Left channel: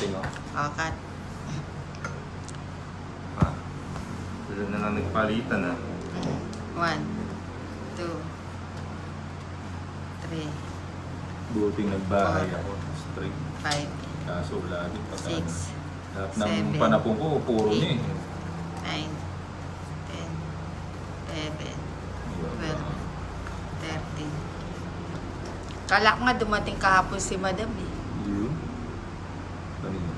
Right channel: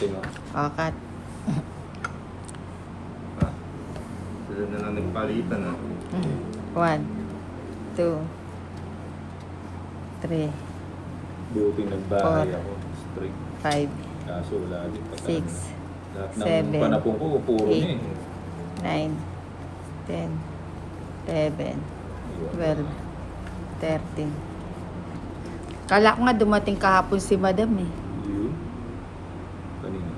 natin. Akat. Sila na lang nagpalitan ah. 1, 2, 3, Buting nagbahay 4, ako. Straight. 5, Kaso lagi pa. 6, Lahat 7, ng panapong ko, puro na eh. 9, 10, 11, 12, 13. Kala ko nga dumating kahapon si Madam eh. Yun. Kanina.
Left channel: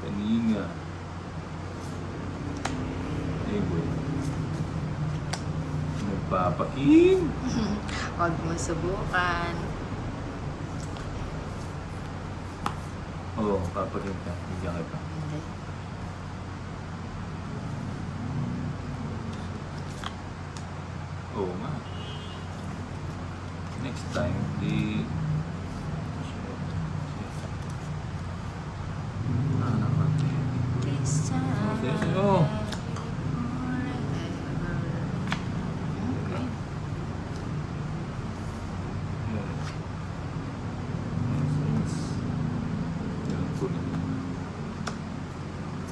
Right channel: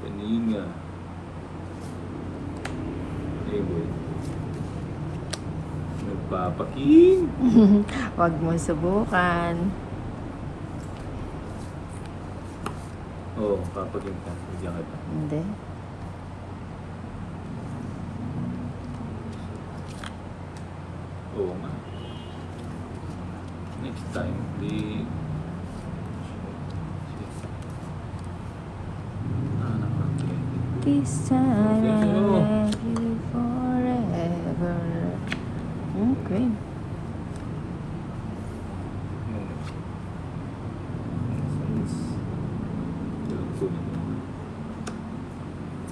Kanina. Eh, boy. Magpapaking. Huwag mo subukan. Oo, papaking ka. Diyan ka. Hindi. Oo nga. Next time, di... This time forever. Okay.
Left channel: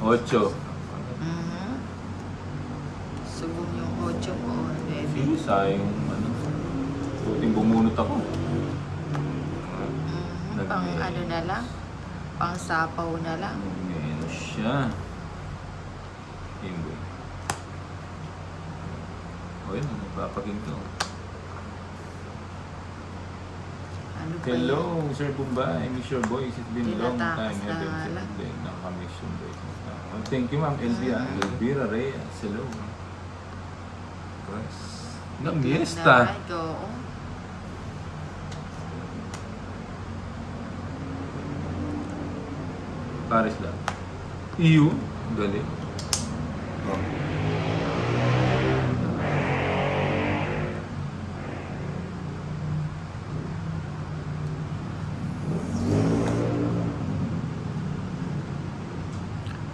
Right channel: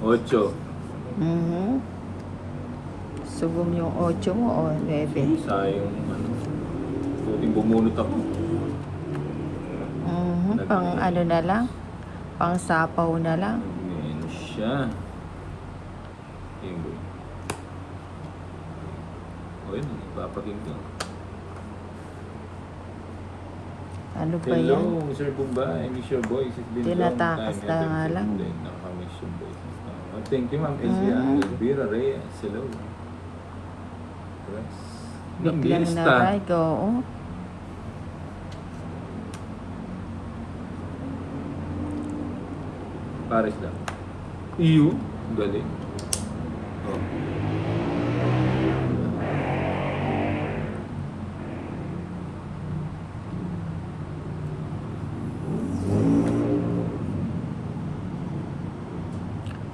Ocho. Sugon yung 8 mo or 11? Sayang. Tuting bumunot ako. Pang ano na lang? Pang sapaw na lang? Ayan siya. Ayun boy. Okay, magpapaging ka. Ano pa Hello, yan? Sir Bumbay. Miss your voice. It's been long Tinatakas time. na nga lang. Nakamiss yung voice. Thank you, Ma'am Elvira Reyes. Hello. Gambista. Like, oo. Paris lang. Iyo. Galing. Oh.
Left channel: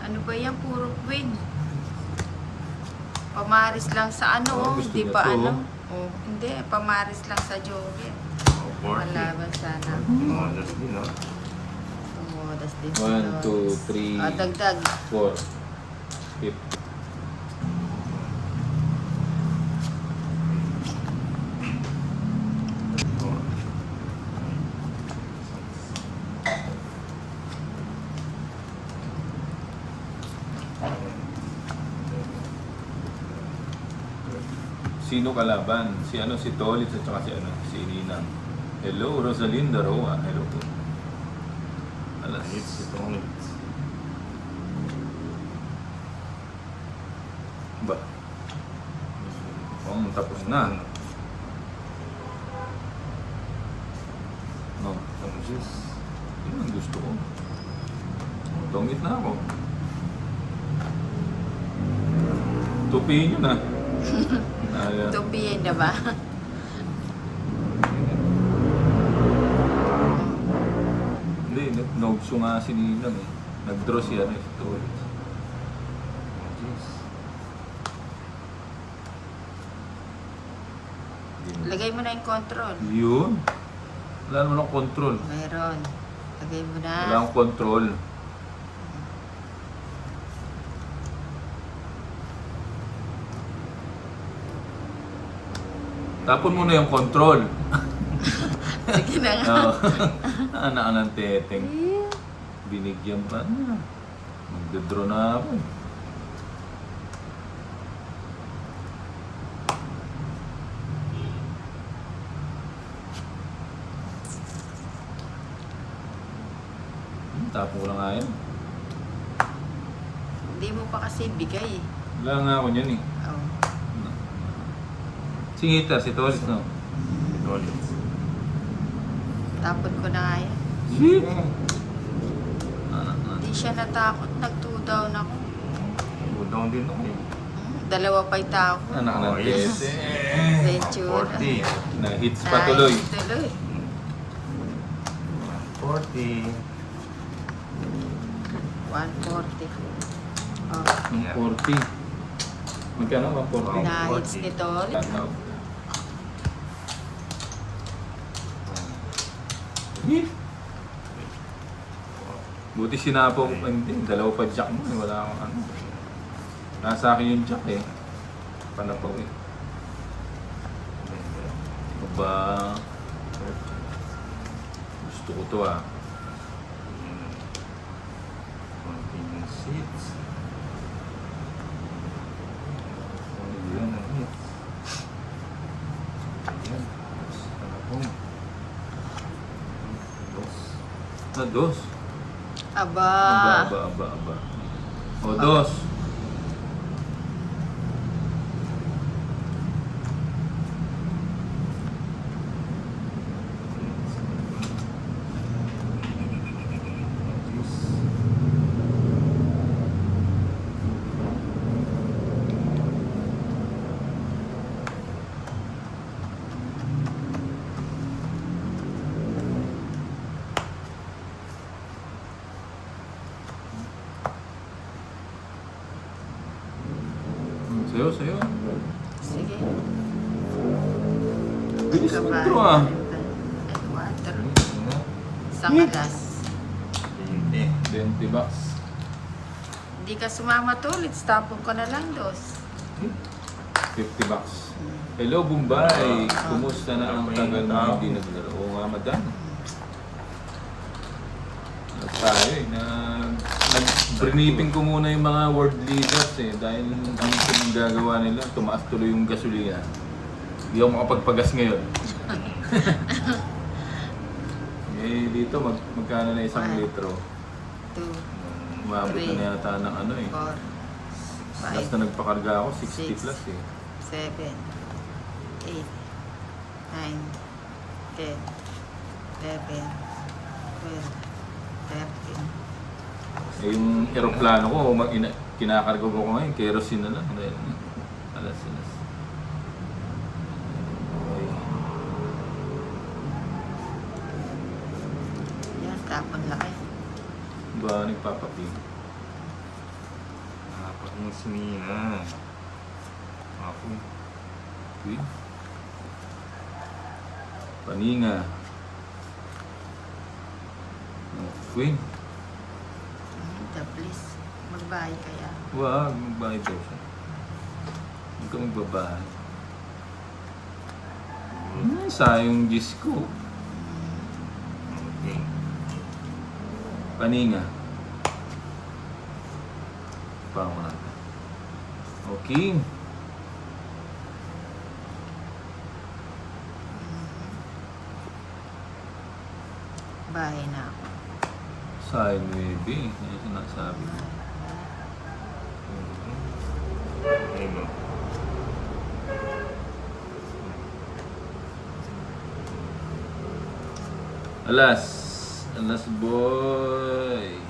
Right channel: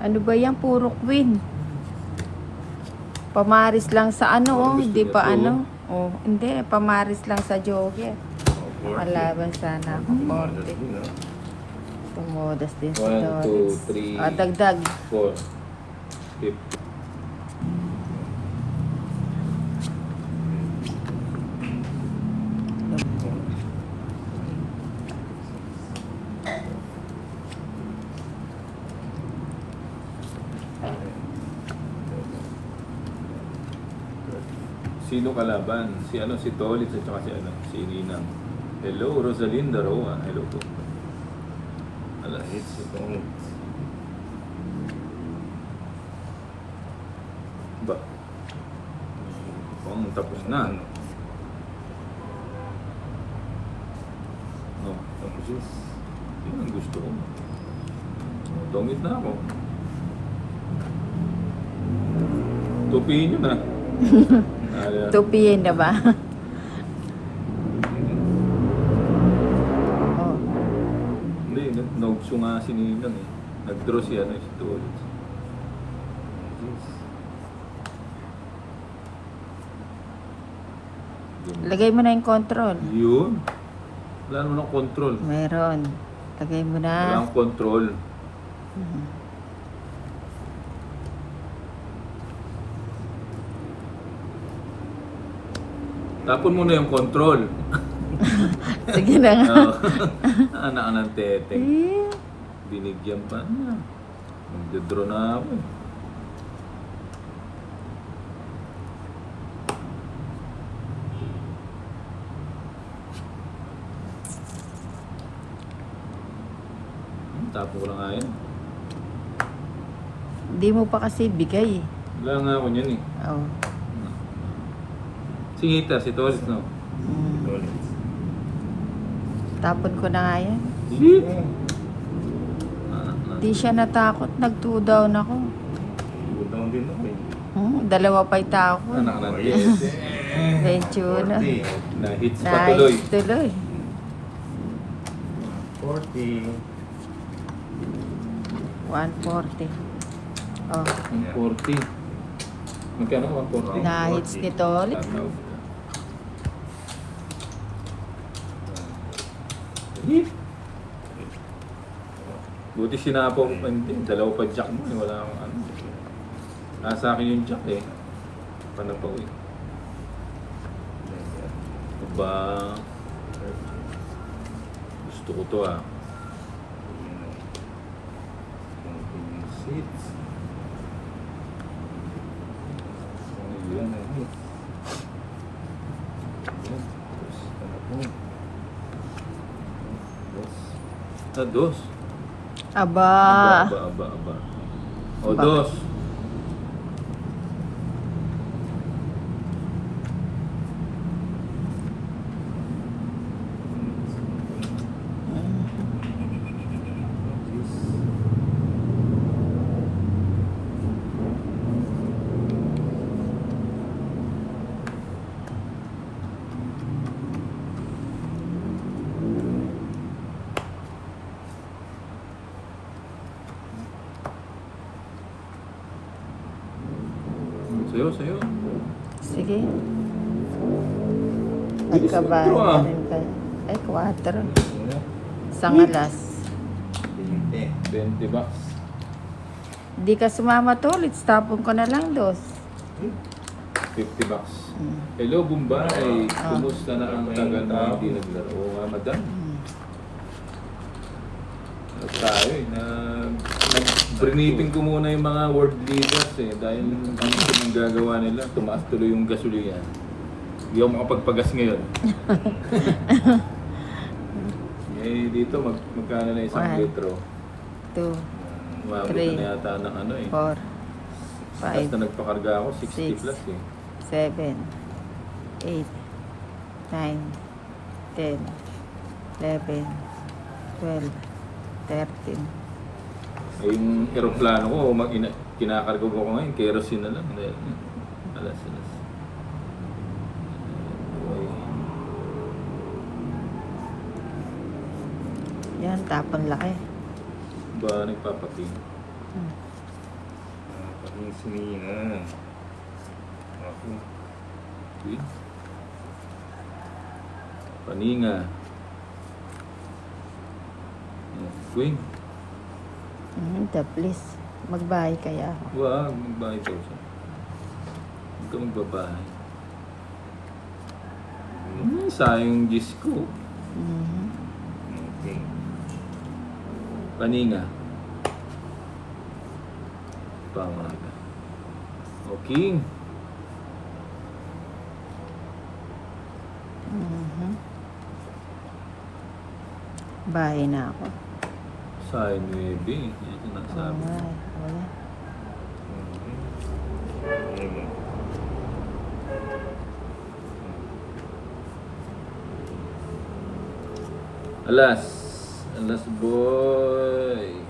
Ano ba yan? Puro queen. Pamaris lang sa ano, Oh, oh. gusto Hindi niya pa to. ano. Oh, hindi, pamaris lang sa jogger. Malaban sana. Modest din, no? Tumodas din si 1, 2, Lods. 3, Ah, dagdag. 4, 5. Sino kalaban? Si ano, si Tolit at saka si ano, si Ninang. Hello, Rosalinda Roa. Hello po. Alas. Si Tolit. Ba? Oh, tapos na. Oh, Jesus. Gusto ko. Domit na ako. Tupiin nyo na. Ayan. Tupiin na ba? Oh. Hindi, nagso nga si Ninang eh. Nag-draw siya na ito. Lagay mo na yung control. Yun. Wala naman ang control. Meron. Lagay mo na. Wala ang control. Tapon mo na yung control. Sige na nga. Anak ng teteng. Binigyan pa. Magdodraw na ako. Tapon ko lang nga yun. Hindi mo pa kasi bigay eh. Wala na ako yun eh. Oh. Singita, si Tolis no? Tolis. Tapon ko na nga yan. Hindi siya natakot. Nag-2 down ako. Budong din ako eh. Dalawa pa yung tao ko. Oh, yes. Medyo na. 40. Na-hits pa tuloy. Nice tuloy. 40. 140. Oh. 40. Magkano? 140? Na-hits nito ulit. Hip! Buti sinapaw ko pa hindi. Dalawa pa jack mo. Wala akong ano. Nasa akin yung jack eh. Panapaw eh. Aba. Gusto ko to ah. Konting seats. Ano yun? Dos. Aba. Aba. O, dos. Sayo. Sige. Ay, Bilis kabayan. ito, ah. Ay, 4. Isang alas. 20 bucks. Di ka sumama to ulit. Tapon ko na lang, dos. 50 bucks. Hello, Bombay. Kumusta na ang tagal na hindi naglaro? Oo nga, madam. Tayo eh. Briefing ko muna yung mga world leaders eh. Dahil hindi ko yung gagawa nila. Tumaas tuloy yung gasolina. Hindi ako makapagpagas ngayon. Eh, dito magkano na isang litro? 2, Umabot na yata ng ano eh. 4, Tapos na nagpakarga ako, 60 Six. plus eh. 7, 8, 9, 10, 11, 12, 13. Eh, yung aeroplano ko, kinakarga ko ngayon, kerosene na lang. Dahil, alas. Yan, tapang laki. Ba, nagpapating? Napakang sinina. Ako. Queen? Paninga. Queen? Please, magbahay kaya. Wag, magbahay ko siya. Ito ang babae. Sayang Diyos ko. Okay. Paninga. Pamata. Okay. Bahay na ako. Sayang maybe. Yan yung sinasabi. Wala. Ano? Alas boy.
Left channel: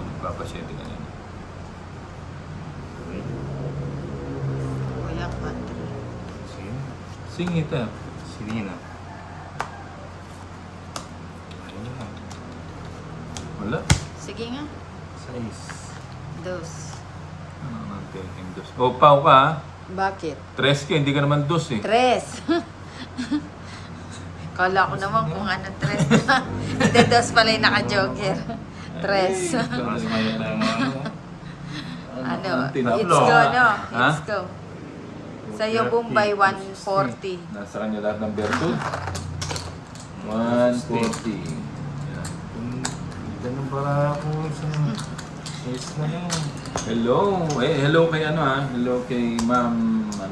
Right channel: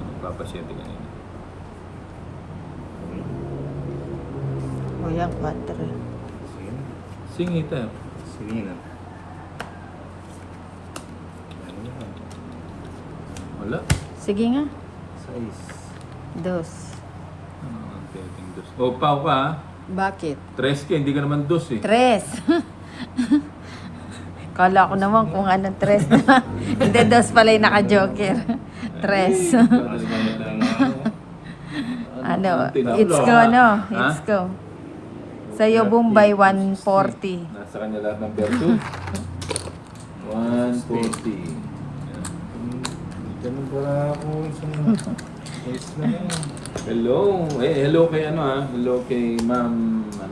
Nagpapasyete ka na. Kuya, 4. Sino? Singit ah. Sinina. Ano yan? Wala. Sige nga. 6. 2. O, pau ka ah. Bakit? 3 ka, hindi ka naman 2 eh. 3. Kala ko naman kung anong 3. Hindi, 2 pala yung naka-joker. 3. Mas mga tayo mga Ano? Tinalo. It's go, no? Ha? It's go. Sa'yo, Bombay, 140. Nasa kanya lahat ng berto. 140. Ganun pala ako sa size mo yun. Hello. Eh, hello kay ano ah. Hello kay Ma'am